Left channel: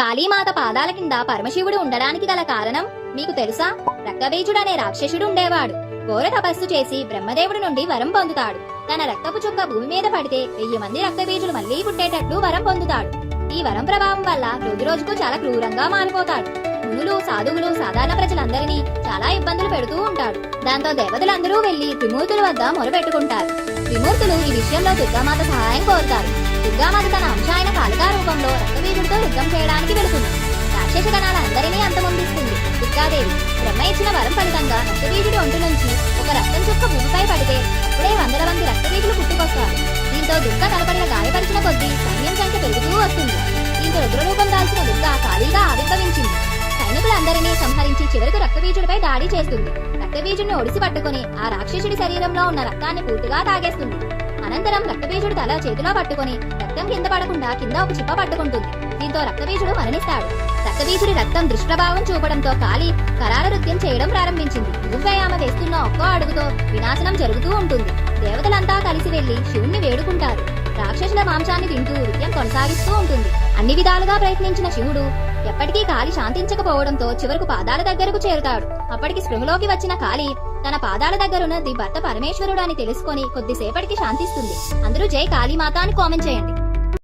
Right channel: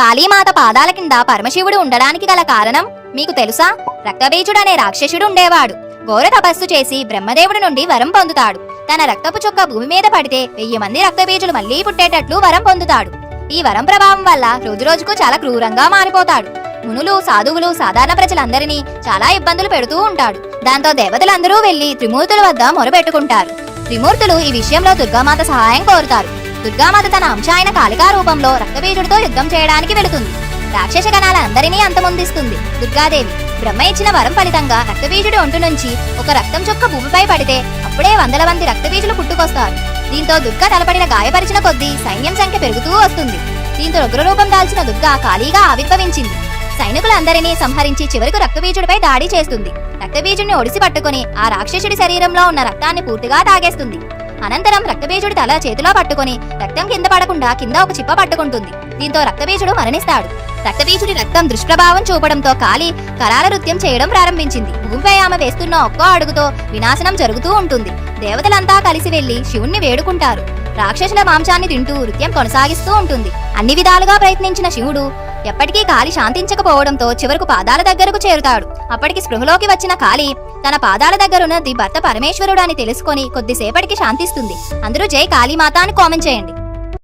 కాళీమాత పాదాల కింద పరమశివుడు ఉండడానికి గల కారణం మీకు తెలుసా? రక్తబీజుడు అనే రాక్షసుడు ఉండేవాడు. ఘోర తపస్సు చేసి బ్రహ్మదేవుడి నుండి వరం పొందుతాడు. తన రక్తపు చుక్క భూమి మీద పడితే వెయ్యి మంది రక్తబీజులు మళ్ళీ పుట్టేటట్లు వరం పొందుతాడు. ఈ వరం ప్రభావం వల్ల రోజు రోజుకు చాలా క్రూరంగా మారిపోతాడు. మునులు సాధువులు సాధారణ ప్రజలందరినీ చాలా ఇబ్బందులు పెడుతూ ఉంటాడు. దాంతో దేవతలందరూ వెళ్ళి త్రిమూర్తుల వద్ద మొరపెట్టుకుంటారు. త్రిమూర్తులు ఈ విషయంలో దుర్గామాత సహాయం కోరుతారు. దుర్గామాత తన అంశ అయిన కాళికా రూపంలో రక్తబీజుడితో యుద్ధం చేయడానికి వెళుతుంది. రాక్షస గణాలందరినీ అంతమొందిస్తుంది దుర్గాదేవి. బ్రహ్మ ఇచ్చిన వరం ఫలితంగా రక్తబీజుడి ఒంటు నుంచి ఒక రక్తం చొక్క భూమిపై పడితే అప్పుడే వందల మంది రక్తబీజులు పుట్టుకొస్తారు. దీంతో దుర్గా తలపడిన గాయపరిచిన కొద్దీ సైన్యం సంఖ్య పెరుగుతూ వస్తుంది. దీంతో రుగ్రరూపం దాల్చిన దుర్గ ఖాళీగా ఆవిర్భవించింది. సైనికులందరినీ సంహరించి చివరకు రక్తబీజుడిపై దాడి చేస్తుంది. రక్తబీజుడిని ఒడిసి పట్టుకుని ఆ రాక్షసుడి శరీరంలో ఉన్న రక్తాన్ని పూర్తిగా తాగేస్తుంది. అనంతరం రక్తబీజుడి తల చేతిలో పట్టుకుని రక్తం కింద పడకుండా కింద ఒక చిప్ప పట్టుకుంటుంది. దీంతో రక్తబీజుడు మరణిస్తాడు. రక్తబీజుడి రక్తం దుష్ప్రభావం చూపడంతో కాలి కరాల నృత్యం చేయడం ప్రారంభించింది. భూమిపై ఆమె వేస్తున్న ఒక్కో అడుగుతో వినాశనం జరుగుతూ ఉంటుంది. దేవతలంతా కలిసి వెళ్ళి శివుణ్ణి వేడుకుంటారు. రాక్షసుల మాంసాన్ని తింటూ నృత్యం కొనసాగిస్తూ ఉంటుంది. అన్ని విధాలుగా ప్రయత్నించిన శివుడు ఎప్పటికీ కాలి శాంతించకపోవడంతో చివరకు పాదాల దగ్గరకు చేరుతాడు. అప్పటికి స్పృహలోకి వచ్చిన కాలి తన పాదాల దగ్గరున్నది భర్త పరమేశ్వరుడు అని తెలుసుకొని కొద్దిసేపటికి శాంతిస్తుంది. అందరూ జై కాళీమాత అని కామెంట్ చేయండి.